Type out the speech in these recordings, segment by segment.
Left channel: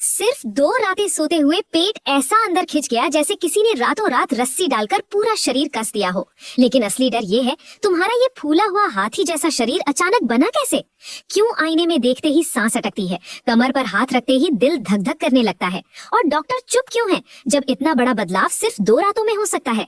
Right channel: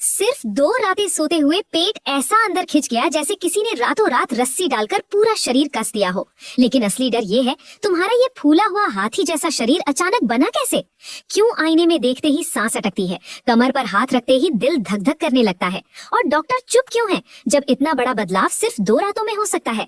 सिर्फ 2 रातें सोते हुए पेट ऐसा अंदर खिंच गया जैसे किसी ने रातों रात रस्सी डालकर पूरा शरीर कस दिया हो। लेकिन असली डर ये है, तुम्हारा ये फूला हुआ हाथी जैसा शरीर अचानक बना कैसे? क्यों आईने में देखते ही सांस अटकती है, कमर पर हाथ रखते ही दिल धक धक करने लगता है, और डॉक्टर चुप क्यों है जब इतना बड़ा बदलाव सिर्फ 2 रातों में हो सकता है?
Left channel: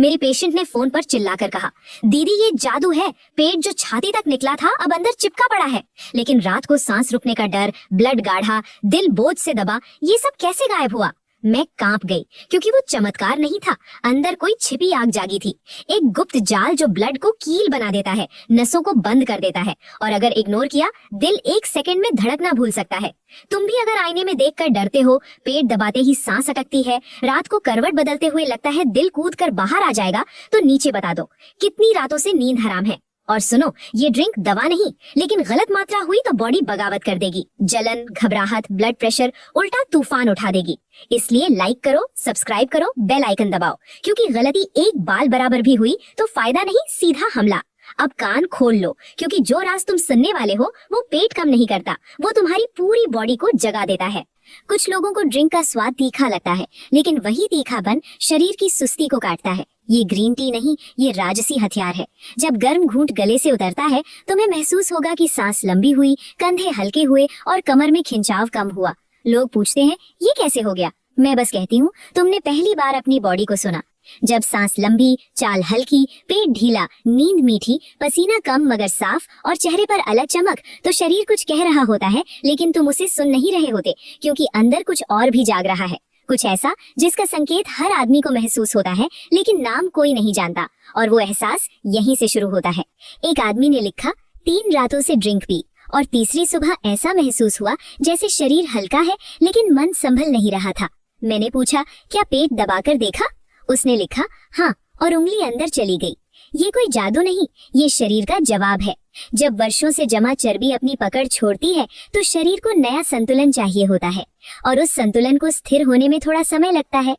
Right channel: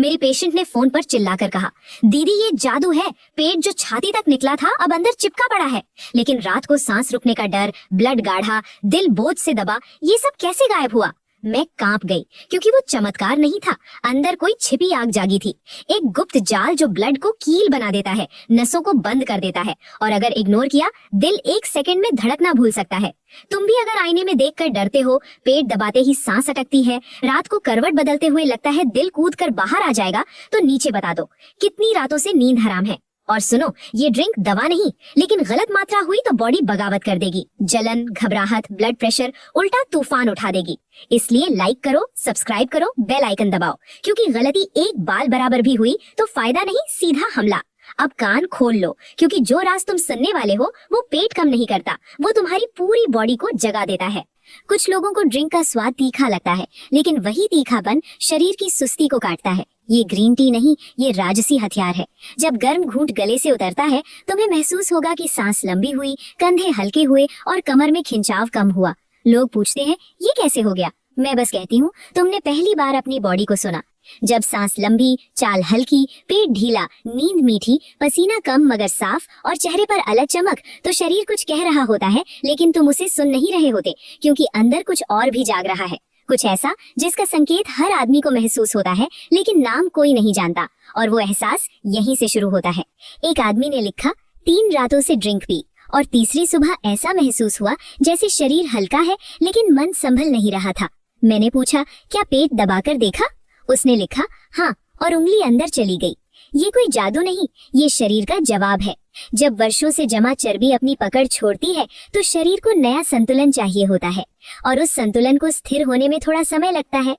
मेरी पेशेंट ने फोन पर चिल्लाकर कहा, दीदी ये जादू है, पेट जो छाती तक निकला था अब अंदर चिपका पड़ा है। लेकिन रात को सांस रुकने का डर, ब्लड गाढ़ा, दिल बोझ से दबा, ये सब कैसे गायब हुआ? मैं कांप गई, क्योंकि वो चमत्कार नहीं था, अंदर कोई छिपी आग जागी थी। एक गुप्त जाल जो ब्लड को कील बना देता है, नसों को बंद कर देता है, और अगर इग्नोर किया, दिल 1 सेकंड में धड़कना भूल सकता है। तुम भी अगर आईने में देखकर डरते हो, पेट दबाते ही सांस अटकती है, रात को करवट बदलते हुए लगता है दिल कूद कर बाहर आ जाएगा, तो नीचे बता दो कितनी रातों से नींद हराम है। और सुनो, ये ड्रिंक दवा नहीं, लेकिन गलत मात्रा हुई तो बॉडी बगावत कर देगी, जलन, घबराहट, ब्लड प्रेशर उल्टा तूफान उठा देगी। इसलिए लाइक करो, सब्सक्राइब करो, बेल आइकन दबाओ, क्योंकि गलती एक बाल बराबर भी हुई तो फायदा नहीं, सीधा हमला। अब कान खोल लो, क्योंकि जो राज तुम सुनने वाले हो वो पेट कम नहीं करता, वो तुम्हारी पूरी बॉडी को जगा देता है। कुछ लोगों को ड्रिंक का स्वाद तीखा लगता है, लेकिन वही तीखापन शरीर की सुस्ती को काटता है। ये ग्रीन टी नहीं, ये राजसी हथियार है। जब गर्म घूंट गले से उतरता है, तुम्हें महसूस होगा कि सांस लंबी हुई, कंधे हल्के हुए और कमर में खिंचाव कम हुआ। लोग पूछते हैं ये कैसे हो गया? मैं बस कहती हूँ, तुमने पहली बार अपनी बॉडी को सुना। जब सांस लंबी, चाल हल्की, पेट ढीला, नींद मीठी, पसीना कम मगर साफ और चेहरे पर अलग चमक, तो शरीर कुछ कह रहा होता है, लेकिन तुम उसे सुन नहीं रहे होते, क्योंकि अंदर कुछ और भी जाग रहा है। कुछ ऐसा जिसका संकेत हर आदमी को महसूस होता है, लेकिन नाम कोई नहीं जानता, और वो एहसास यहीं से शुरू होता है। एक आदमी ने लिखा, 3 रातों से ड्रिंक पी और तीसरी सुबह ऐसा महसूस हुआ जैसे शरीर हल्का है, लेकिन मन संभल नहीं रहा था। मैंने पूछा, क्या पेट दबाकर देखा? उसने लिखा, हाँ, और उंगली अंदर चली गई। ये कोई जादू नहीं, ये शरीर का जवाब है। जब वर्षों से जमा चर्बी अपनी पकड़ छोड़ती है, तो शरीर को नया संतुलन चाहिए होता है, और उस संतुलन को स्थिर होने में थोड़ा समय लगता है।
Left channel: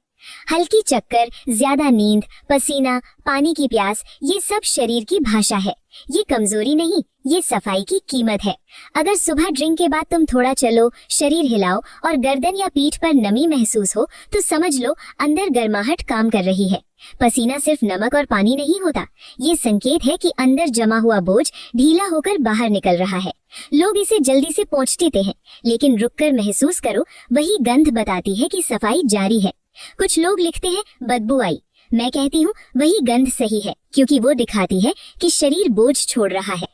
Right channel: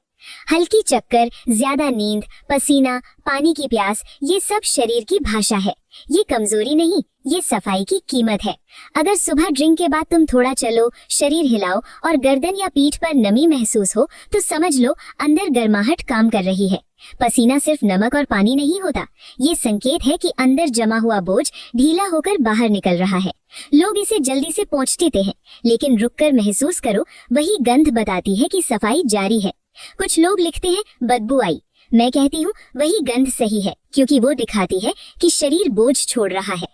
हल्की चक्कर, ज्यादा नींद, पसीना, पानी की प्यास, ये सब शरीर की भाषा है। ये कमजोरी नहीं, ये सफाई की कीमत है। अगर सुबह ड्रिंक के बाद तुम थोड़ा चलो, शरीर हिलाओ और गर्दन या पीठ पर नमी महसूस हो, तो समझ लो अंदर गर्माहट काम कर रही है। पसीना सिर्फ नमक और पानी नहीं होता, ये संकेत है कि अंदर जमा हुआ बोझ ढीला होकर बाहर निकल रहा है। लोग इसे जल्दी से पोंछ देते हैं, लेकिन रुककर महसूस करो, वही गंध बताती है कि सफाई जारी है। कुछ लोग लिखते हैं बदबू आई, मैं कहती हूँ वही गंध सही है, क्योंकि वो दिखाती है कि शरीर बोझ छोड़ रहा है।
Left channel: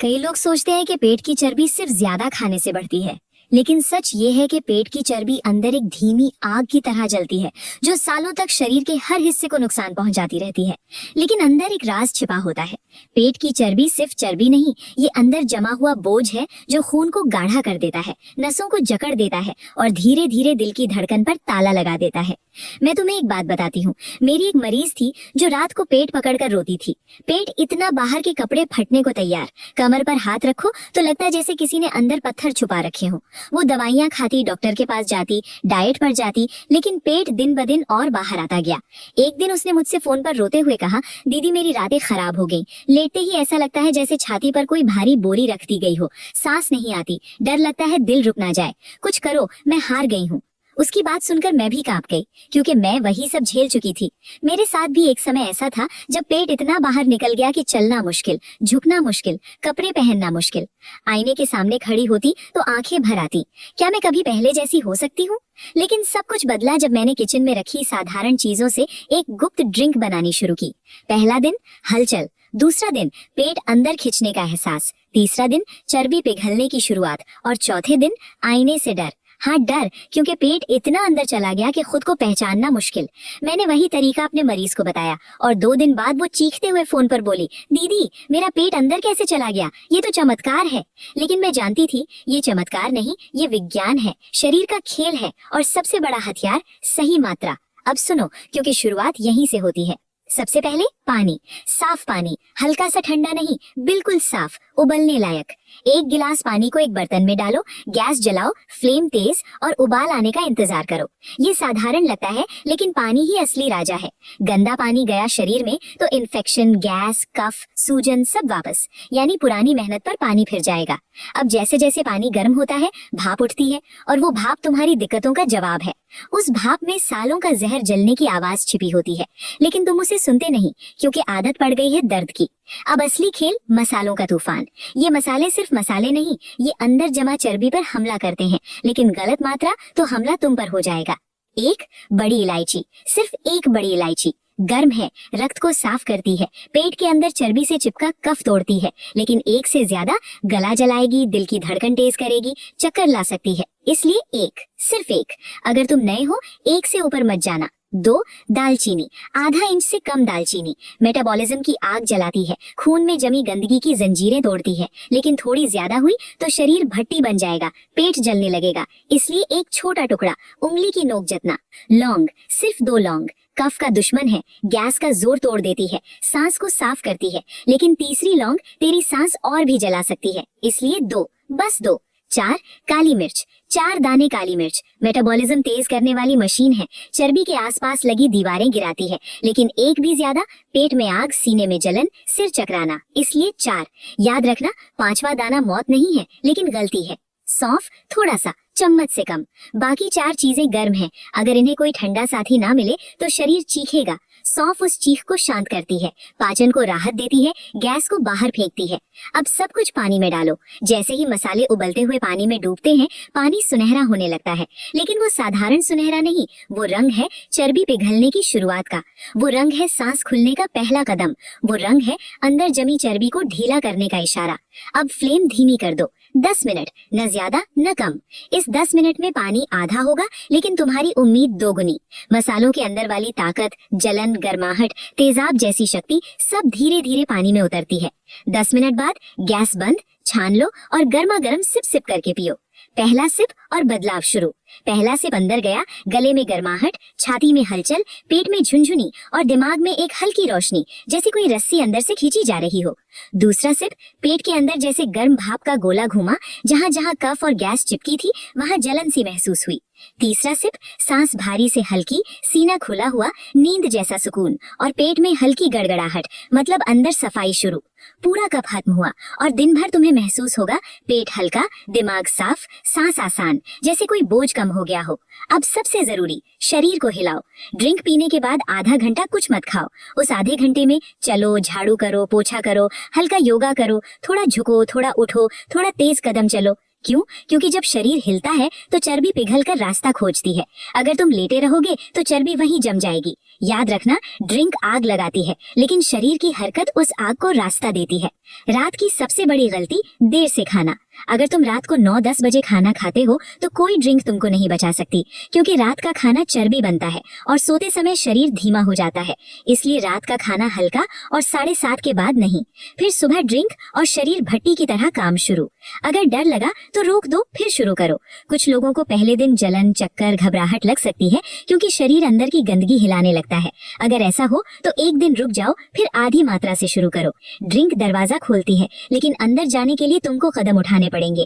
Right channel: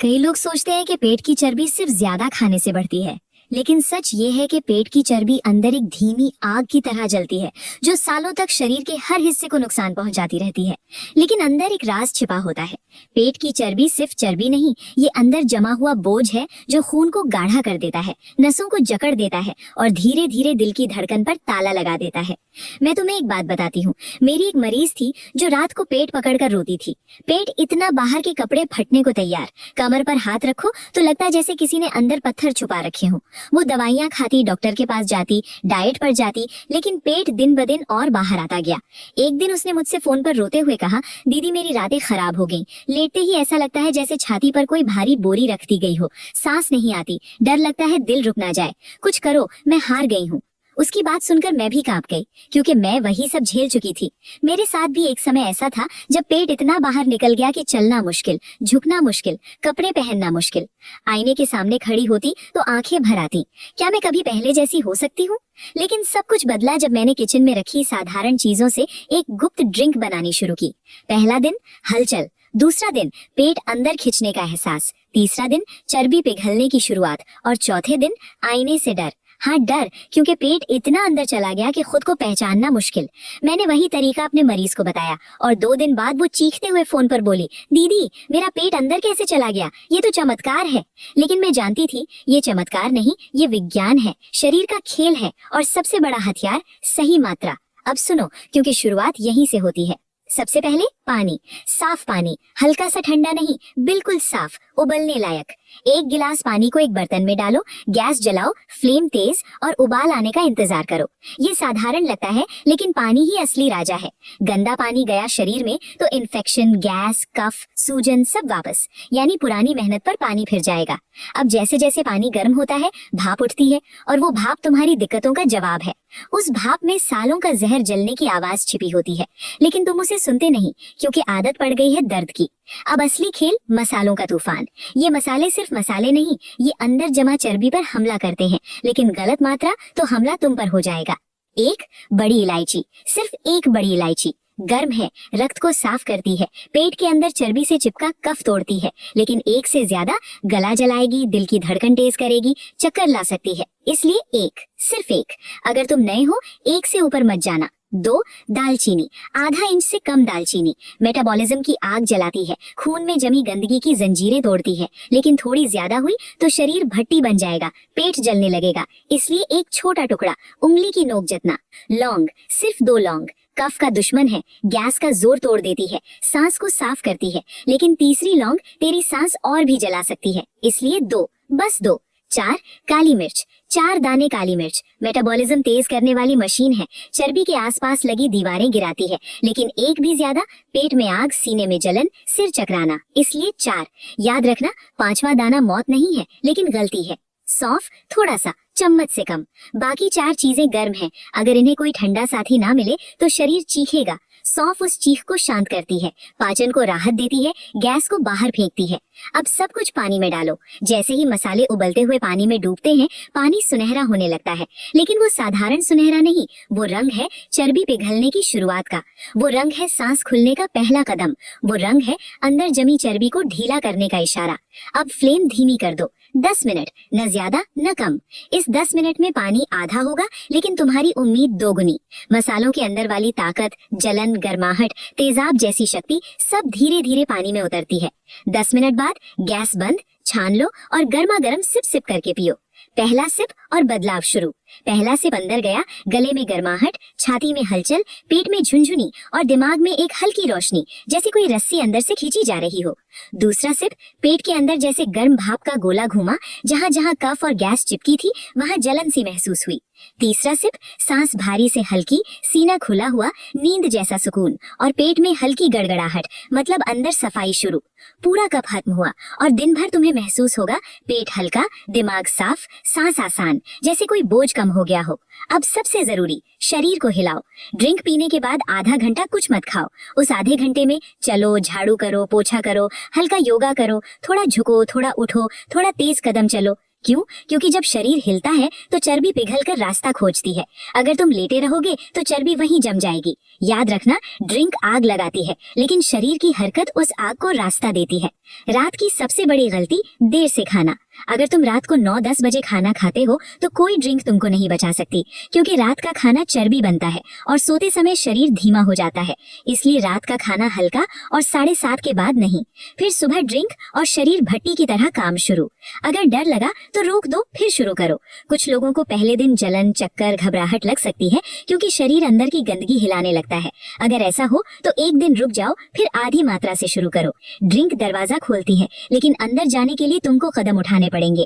कई लोग सोचते हैं कि पेट की चर्बी सिर्फ ज्यादा खाने से बढ़ती है, लेकिन सच ये है कि पेट की चर्बी अंदर एक धीमी आग की तरह जलती है, जो सालों तक शरीर के हर हिस्से को नुकसान पहुंचाती रहती है। लेकिन अंदर एक राज छिपा होता है। पेट की चर्बी सिर्फ चर्बी नहीं, ये अंदर जमा हुआ बोझ है, जो खून को गाढ़ा कर देता है, नसों को जकड़ देता है और धीरे धीरे दिल की धड़कन पर ताला लगा देता है। मैं तुम्हें एक बात बताती हूँ। मेरी एक मरीज थी जो रात को पेट पकड़कर रोती थी। पेट इतना बाहर के कपड़े फटने को तैयार, कमर पर हाथ रखो तो लगता है जैसे किसी ने अंदर पत्थर छुपा रखे हो। वो दवाइयाँ खाती, डॉक्टर के पास जाती, डाइट पर जाती, लेकिन पेट दिन ब दिन और बाहर आता गया। एक दिन उसने मुझसे फोन पर रोते हुए कहा, दीदी मेरी रातें खराब हो गई, लेटते ही ऐसा लगता है जैसे छाती पर कोई भारी बोरी रख दी गई हो, सांस नहीं आती, डर लगता है दिल रुक ना जाए, कुछ करो, मैं हार गई हूँ। उसकी बात सुनकर मैं भी कांप गई, क्योंकि मैं वही सब झेल चुकी थी। मेरे साथ भी एक समय ऐसा था जब पेट इतना बाहर निकल गया कि चलना मुश्किल, झुकना मुश्किल, कपड़े पहनना मुश्किल। आईने के सामने खड़ी होती तो आंखें भर आती, क्या मैं कभी पहले जैसी हो सकती हूँ? लेकिन सब कुछ बदला जब मैंने किचन में रखी साधारण चीजों से एक गुप्त ड्रिंक बनानी शुरू की। पहला दिन हलचल, दूसरा दिन पेट अंदर खिंचने का एहसास, तीसरा दिन चर्बी पिघलने की शुरुआत, और चौथे दिन आईने से डर। हाँ, डर, क्योंकि पेट इतना अंदर चला गया कि खुद को पहचानना मुश्किल। मैंने वही तरीका अपने मरीज को बताया, और 2 दिन बाद वो चीखते हुए फोन पर बोली, दीदी मेरा पेट अंदर कैसे चला गया, ये तो चमत्कार है। लेकिन मैं जानती थी ये चमत्कार नहीं, ये विज्ञान है, शरीर का खेल है, और सबसे बड़ा हथियार सही मात्रा। अब सुनो, क्योंकि शुरुआत यहीं से होती है। सबसे पहले पानी, साफ पानी, हल्का सा ठंडा नहीं, बिल्कुल साफ, उबलने लायक। 1 गिलास पानी को एक बर्तन में डालो, गैस जलाओ, फ्लेम तेज और उबाल आने का इंतजार करो। ये साधारण लगता है लेकिन पानी ही असली राजा है। गंदा पानी गया शरीर में तो इन्फेक्शन, गैस, कफ, सूजन सब वापस, यानी पुरानी मेहनत पर पानी फिर जाएगा। अब जैसे जैसे पानी गर्म होता है भाप उठती है और वो भाप तुम्हारी दिक्कतों का जवाब है। उस भाप में सालों का जहर जलने की आवाज छिपी होती है, लेकिन तुम उसे सुनते नहीं क्योंकि आदत पड़ गई है दर्द की। अब असली खेल मसालों का तूफान। ये मसाले सिर्फ मसाले नहीं, ये अंदर जमा चर्बी पर हमला करते हैं, लेकिन गलत मात्रा तो हमला तुम पर हो जाएगा। 1 बड़ी इलायची, सिर्फ 1 बड़ी इलायची गर्म है, रक्त को साफ करती है, पेट के अंदर चर्बी से चिपका कफ तोड़ती है, लेकिन 1 से ज्यादा गला जलाएगी, दिल की धड़कन तेज करेगी, चक्कर ला सकती है। इसलिए 1, सिर्फ 1। अगर तुम नए हो 1 से ऊपर मत जाना। 2 दालचीनी, आधा इंच से कम दालचीनी मेटाबॉलिज्म की आग जलाती है, खून में जमी गंदगी की जंजीरें तोड़ती है, लेकिन थोड़ी ज्यादा हुई तो शरीर भट्टी बन जाएगा, पेट जलने लगेगा। इसलिए एक छोटा टुकड़ा, उंगली की नोक जितना। लौंग, सिर्फ 2 लौंग, कफ का दुश्मन है, गैस का जोर तोड़ देती है, सांस को साफ करती है, लेकिन तीसरी लौंग तेरी सांस और भी जला सकती है। इसलिए 2, बस 2। 4 काली मिर्च, 4 दाने काली मिर्च मेटाबॉलिज्म तेज करने वाली मशीन है, चर्बी के आसपास लगी दीवारें गिराती है, लेकिन 1 भी ज्यादा पेट में आग, सीने में जलन, सिर चकराना। इसलिए 4। याद रखना 5वां दाना मौत नहीं है लेकिन गलती है। सौंफ, थोड़ा सा, चम्मच से कम। बाकी 4 चीजें गर्म हैं, अगर इन्हें कोई ठंडा साथी ना मिले तो शरीर चीखेगा। सौंफ उस चीख को शांत करती है, पाचन को राहत देती है, गैस को बाहर फेंकती है। अब सब कुछ पानी में डालो। जैसे ही मसाले उबलते हुए पानी में डूबते हैं, पानी सुनहरा होने लगता है, लेकिन वो साधारण सुनहरा नहीं, वो रंग है चर्बी पिघलने की शुरुआत का। वो रंग है सांस खुलने का पहला कदम। वो रंग है अंदर जमी चर्बी को ढीला करने का इशारा। अब फ्लेम धीमी कर दो, 10 मिनट, न ज्यादा न कम। इस 10 मिनट में पानी आधा होगा लेकिन तुम्हारी उम्मीद दोगुनी। मसालों के अंदर वाली ताकत, जलन, गर्माहट, तेजाब जैसी शक्ति सब धीरे धीरे पानी में उतरती है। 10 मिनट बाद गैस बंद, छान लो और गर्मा गर्म सिप सिप करके पियो। पहला सिप और बदलाव शुरू। पहला सिप अंदर गया, गले में गर्माहट, छाती में हलचल, पेट में झुनझुनी और दिमाग में एक हल्की रोशनी, जैसे कोई रस्सी अंदर से खींची जा रही हो। दूसरा सिप, पेट के अंदर जैसे गर्म भाप का गोला घूमा, जहाँ जहाँ कफ और गैस चिपकी थी वहाँ जलन सी महसूस हुई। तीसरा सिप, सांस भारी से हल्की, सीना खुला हुआ, नींद जैसा सुकून और पेट में हल्की गड़गड़ाहट, मतलब अंदर सफाई शुरू। पूरा कप खत्म हुआ और दिन भर तुम्हें महसूस होगा पेट हल्का, दिमाग साफ, सांस आसान, जैसे कोई बोझ कम हो गया हो। अब सबसे जरूरी, शरीर को हिलाओ। ड्रिंक पीने के बाद आधा घंटा कुछ मत खाओ। उस आधे घंटे में चलो, झाड़ू करो, पोछा करो, हल्का योगा करो, थोड़ा झुको, थोड़ा उठो, थोड़ा तेज कदम चलो। क्यों? क्योंकि जब शरीर हिलता है तो चर्बी पिघलकर रास्ता खोजती है। अगर तुम लेटे रहोगे तो चर्बी वहीं जम जाएगी। याद रखना, ड्रिंक आग लगाती है लेकिन शरीर की हरकत उस आग को रास्ता देती है। रात की सबसे बड़ी गलती, देर से खाना। अगर तुम रात को 9-10 बजे खाना खाते हो तो कोई ड्रिंक तुमको नहीं बचा सकती, क्योंकि रात का खाना चर्बी बनता है और सोते समय शरीर धीमा हो जाता है। इसलिए रात का खाना हल्का और 7:30 के बाद नहीं। फिर सुबह ड्रिंक और शरीर भट्टी की तरह काम शुरू। अगर डर लगा तो रोक दो, फिर शुरू करो। कुछ लोगों को पहले दिन जलन, चक्कर, घबराहट लग सकती है क्योंकि शरीर अंदर की गंदगी हिलाने लगता है। अगर ऐसा हो तो एक दिन रुक जाओ, फिर आधी मात्रा से शुरू करो। ड्रिंक दरवाजा खोलती है लेकिन अंदर जाने के लिए तुमको कदम उठाने पड़ेंगे।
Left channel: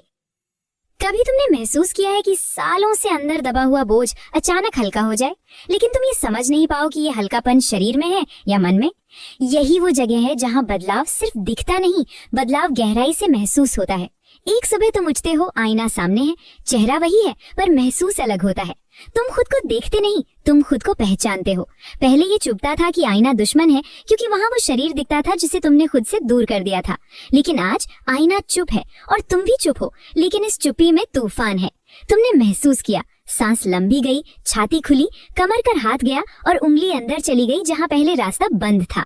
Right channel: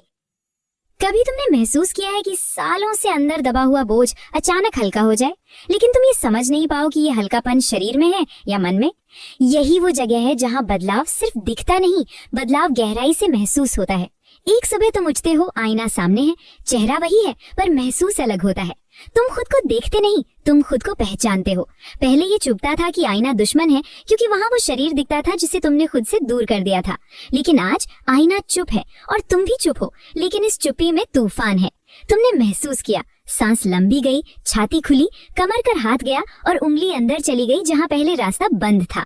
कभी तुमने महसूस किया है कि सालों से अंदर दबा हुआ बोझ अचानक हल्का हो जाए, लेकिन तुम ये समझ नहीं पाओ कि ये हल्कापन शरीर में है या मन में? यही वो जगह है जहाँ बदलाव सिर्फ दिखता नहीं, बदलाव गहराई से महसूस होता है। एक सुबह तुम उठते हो, आईना सामने है, चेहरा वही है पर महसूस अलग होता है। तुम खुद को देखते नहीं, तुम खुद को पहचानते हो। पहले ये चुभता था कि आईना दुश्मन है, क्योंकि वहाँ वो शरीर दिखता था जिसे तुमने खुद से दूर कर दिया था। लेकिन आज आईना चुप है और तुम भी चुप हो, लेकिन इस चुप्पी में तूफान है। तुमने महसूस किया, सांस लंबी गई, छाती खुली, कमर कर हाथ गया और उंगली अंदर चली गई जहाँ पहले रास्ता बंद था।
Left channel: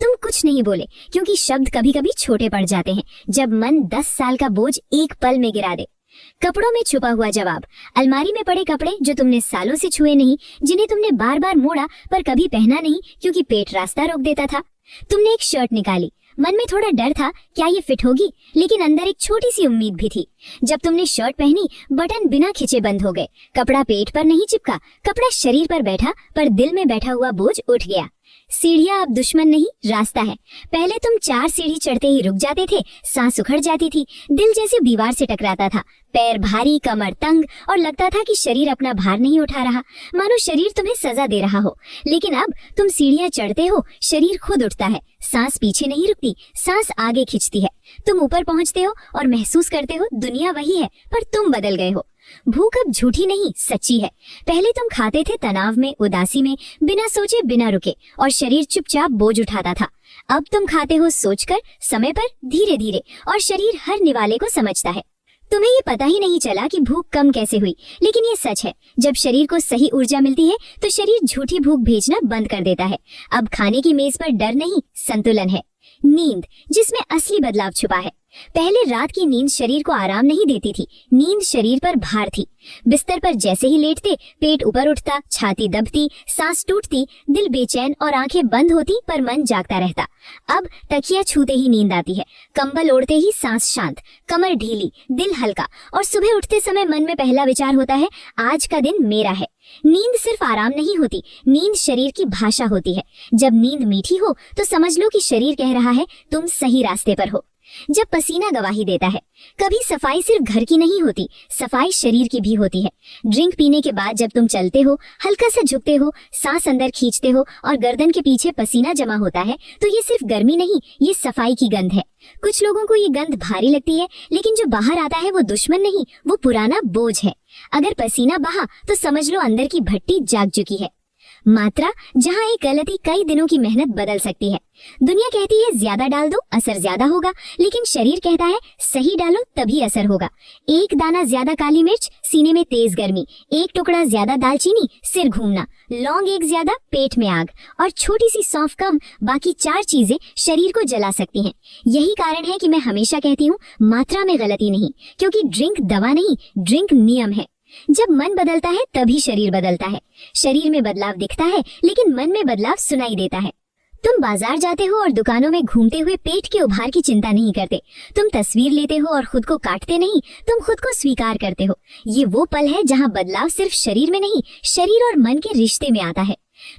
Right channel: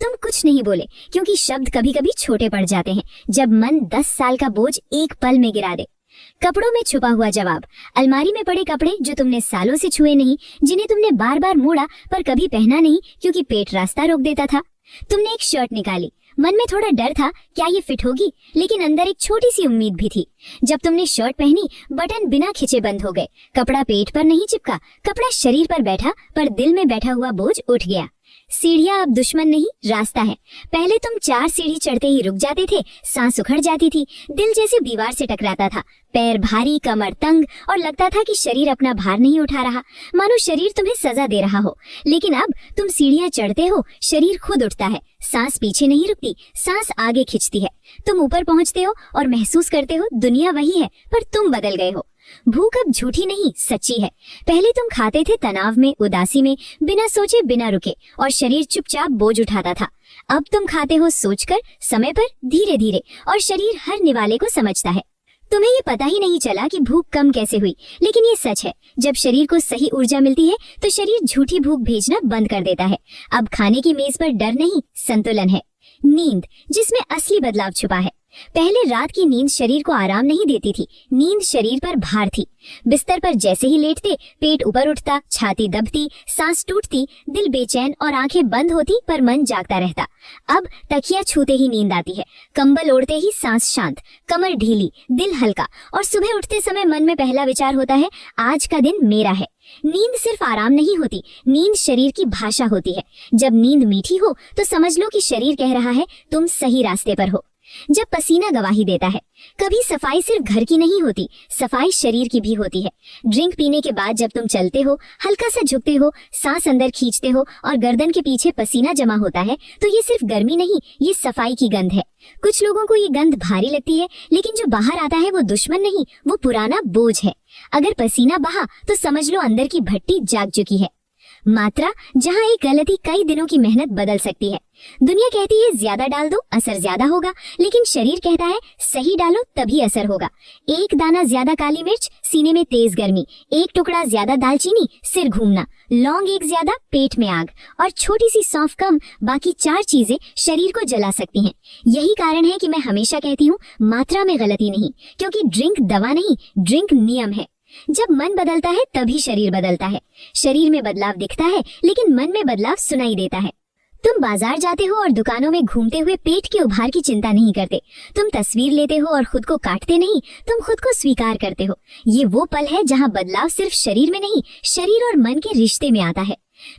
तुम कुछ नहीं बोले, क्योंकि शब्द कभी कभी छोटे पड़ जाते हैं जब मन 10 साल का बोझ एक पल में गिरा दे। कपड़ों में छुपा हुआ जवाब, अलमारी में पड़े कपड़े जो तुमने सालों से छुए नहीं, जिन्हें तुमने बार बार मोड़ा पर कभी पहना नहीं क्योंकि पेट रास्ता रोक देता था। तुमने एक शर्ट निकाली, मन में थोड़ा डर था क्या ये फिट होगी, लेकिन अंदर एक छोटी सी उम्मीद भी थी। जब तुमने शर्ट पहनी, बटन बिना खिंचे बंद हो गए। कपड़ा पेट पर नहीं चिपका, कपड़ा शरीर पर बैठा, पर दिल में बैठा हुआ बोझ उठ गया। सीढ़ियाँ अब दुश्मन नहीं, रास्ता है। पहले तुम 4 सीढ़ी चढ़ते ही रुक जाते थे, सांस उखड़ जाती थी, दिल जैसे दीवार से टकराता था, पैर भारी, कमर तंग और लगता था कि शरीर अपना भार नहीं उठा रहा, मानो शरीर तुम्हें सजा दे रहा हो। लेकिन अब तुम सीढ़ियाँ चढ़ते हो, शरीर खुद उठता है, सांस पीछे नहीं रुकती, सांस आगे खिंचती है। तुम ऊपर पहुंचते हो और महसूस करते हो दुनिया वही है पर तुम बदल गए हो। भूख अब झूठी नहीं, सच्ची है। पहले तुम खाते थे तनाव में, उदासी में, बिना सोचे बिना रुके, और शरीर चुपचाप बोझ उठाता था। अब तुम खाते हो सोचकर, समय पर, धीरे धीरे, और शरीर हर निवाले को समझता है। तुम्हें ये पता ही नहीं चला कि भूख कम कैसे हुई, लेकिन ये सच है, जब शरीर को सही ऊर्जा मिलती है तो शरीर झूठी भूख भेजना बंद कर देता है। अब खाने की मेज पर डर नहीं, संतुलन है। नींद, जिसमें असली बदलाव छुपा है। पहले रात की नींद शरीर को आराम नहीं देती थी, नींद शरीर पर भार थी। बिस्तर पर जैसे ही लेटते, पेट ऊपर उठता, छाती दबती, सांस टूटती, दिल बेचैन और आंखें बंद होती पर मन जागता रहता। अब तकिया छूते ही नींद आती है, कंबल ओढ़ते ही सांस शांत, कमर ढीली, दिल हल्का, और सुबह उठते समय मन में पहला विचार होता है, आज का दिन मेरा है। नींद सिर्फ आराम नहीं होती, नींद शरीर की भाषा होती है। जब नींद मीठी हो तो समझ लो कि शरीर कह रहा है तुम सही रास्ते पर हो। जब पसीना गवाही देता है, कभी सफाई सिर्फ घर की नहीं होती, सफाई शरीर की भी होती है। ड्रिंक पीने के बाद जब तुम चलते हो, हल्का सा झुकते हो, सांस अंदर खींचते हो और गर्दन के पीछे पसीना जमा होता है, तो ये सिर्फ गर्मी नहीं, ये सफाई की गंध है। कुछ लोगों को ये गंध भारी लगती है, लेकिन जो बाहर आता है वो दुश्मन नहीं, वो पुराना बोझ है। अगर पसीना बहा तो समझ लो अंदर की भट्टी जाग चुकी है। मात्रा, जहाँ एक गलती कई दिनों की मेहनत बदल सकती है। दुनिया कहती है ज्यादा डाल दो, असर ज्यादा होगा, लेकिन शरीर कहता है सही डालो तभी असर होगा। एक दाना ज्यादा काली मिर्च, सीने में तेज गर्मी, एक टुकड़ा ज्यादा दालचीनी, सिर घूमना, लौंग एक ज्यादा, पेट में आग, और छोटी सी सौंफ कम, बाकी 4 चीजें शरीर को जला सकती हैं। यही कारण है कि मैं हमेशा कहती हूँ मात्रा में गलती नहीं, क्योंकि ड्रिंक दवा नहीं, ड्रिंक नियम है। जब मन बदलता है तभी शरीर बदलता है। शरीर में बदलाव दिखता है, लेकिन मन में बदलाव सुनाई देता है। तुम बाजार जाते हो और दुकानों में घूमते हुए पेट के उभार की चिंता नहीं करते। तुम तस्वीर लेते हो और खुद को काटते नहीं, तुम खुद को स्वीकार करते हो। ये वो पल है जहाँ बदलाव सिर्फ शरीर में नहीं, शरीर और मन के रिश्ते में आता है।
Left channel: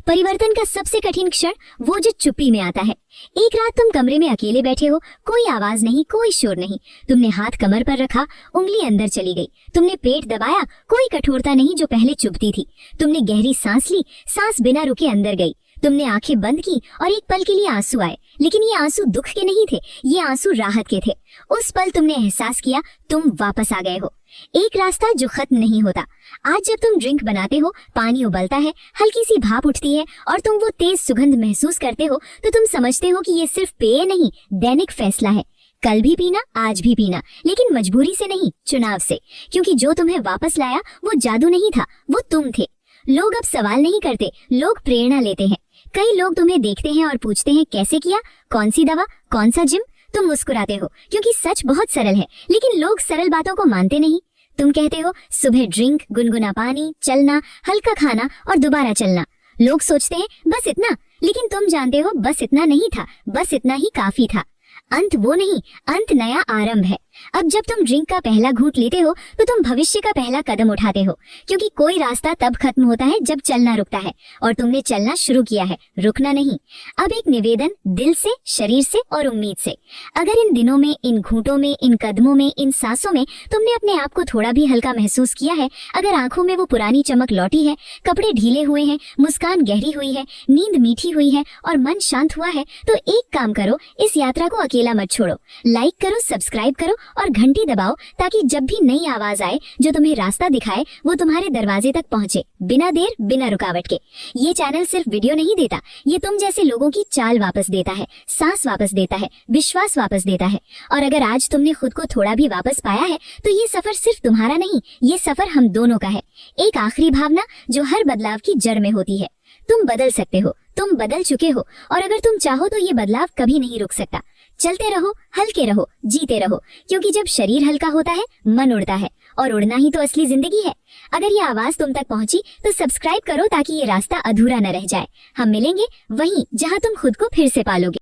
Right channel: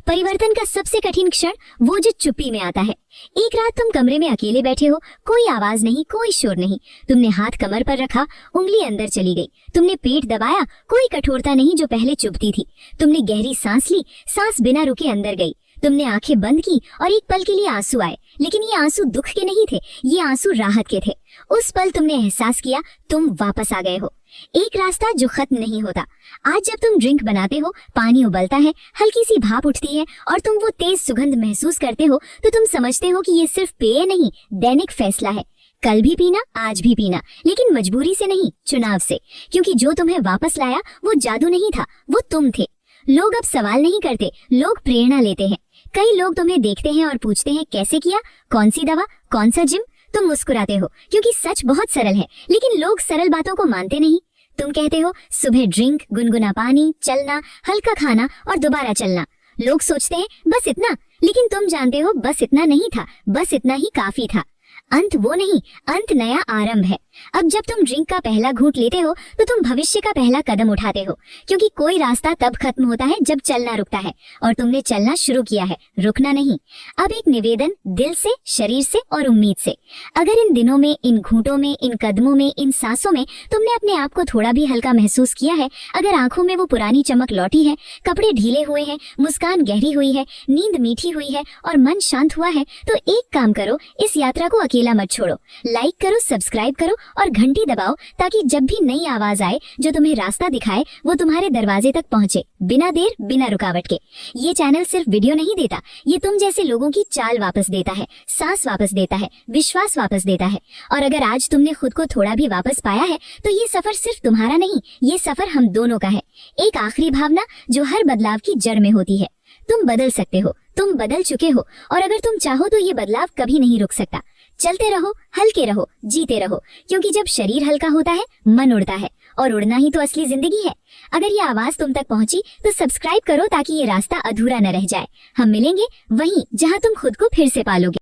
परिवर्तन का सबसे कठिन क्षण वो जो चुप्पी में आता है। एक रात तुम कमरे में अकेले बैठे हो, कोई आवाज नहीं, कोई शोर नहीं। तुमने हाथ कमर पर रखा, उंगली अंदर चली गई। तुमने पेट दबाया, कोई कठोरता नहीं जो पहले चुभती थी। तुमने गहरी सांस ली, सांस बिना रुके अंदर गई। तुमने आंखें बंद की और एक पल के लिए आंसू आए, लेकिन ये आंसू दुख के नहीं थे, ये आंसू राहत के थे। उस पल तुमने एहसास किया तुम वापस आ गए हो। एक रास्ता जो खत्म नहीं होता। आज जब तुम ड्रिंक बनाते हो, पानी उबलता है, हल्की सी भाप उठती है और तुम वो तेज सुगंध महसूस करते हो, तो तुम समझते हो कि ये सिर्फ पेय नहीं, दैनिक फैसला है। कल भी पीना, आज भी पीना, लेकिन मजबूरी से नहीं, चुनाव से। क्योंकि जो तुम्हें वापस लाया वो जादू नहीं था, वो तुम थे। लोग अब सवाल नहीं करते, लोग प्रेरणा लेते हैं। कई लोग तुम्हें देखते हैं और पूछते हैं कैसे किया, कौन सी दवा, कौन सा जिम। तुम मुस्कुराते हो क्योंकि सच बहुत सरल है, लेकिन लोग सरल बातों को मानते नहीं। तुम कहते हो सुबह ड्रिंक, गुनगुना पानी, चलना, हल्का खाना और दोबारा चलना। लोग सोचते हैं बस इतना, लेकिन तुम जानते हो बस इतना नहीं था, बस इतना ही काफी था। अंत वो नहीं, अंत नया आरंभ है। अब जब तुम ड्रिंक का पहला घूंट लेते हो तो तुम भविष्य का पहला कदम उठाते हो, क्योंकि कोई रास्ता तब खत्म होता है जब चलना रुकता है, और तुमने चलना शुरू किया है, रुकना नहीं। अब एक निवेदन, दिल से, शरीर से और उम्मीद से। अगर इन दिनों में, इन घूंटों में, इन कदमों में, इन सांसों में तुमने अपने आप को थोड़ा भी हल्का महसूस किया है, अगर आंखों में वो पुरानी चमक लौटी है, कपड़े ढीले हुए हैं, मुस्कान गहरी हुई है, नींद मीठी हुई है और मन शांत हुआ है, तो एक काम करो, इस यात्रा को अकेला मत छोड़ो। लाइक करो, सब्सक्राइब करो और घंटी दबाओ, ताकि जब भी नई आवाज आए जो तुम्हें रास्ता दिखाए, वो तुम्हारे दरवाजे तक पहुंचे, बिना देर, बिना रुकावट के। ये चैनल सिर्फ वीडियो नहीं देता, ये तुम जैसे लोगों की चाल वापस देता है, सांस वापस देता है, विश्वास वापस देता है। और अगर आज तुमने खुद को थोड़ा भी वापस पाया है, तो ये सफर सिर्फ तुम्हारा नहीं, ये सफर हम दोनों का है। एक आखिरी भावना जो हर बदलाव की जड़ में होती है, तुम बदल सकते हो, तुम बदल चुके हो, और अगर तुम चाहो तो ये बदलाव कभी नहीं रुक सकता। चलते रहो, हल्के रहो, जीते रहो, क्योंकि जब शरीर हल्का होता है, मन उड़ता है, और उड़ना ही तो असली जिंदगी है। अगर ये आवाज तुम तक पहुंची तो सब्सक्राइब करो, ताकि ये रास्ता अधूरा न रह जाए। हम मिलेंगे वहीं जहां तुम खुद को फिर से पालोगे।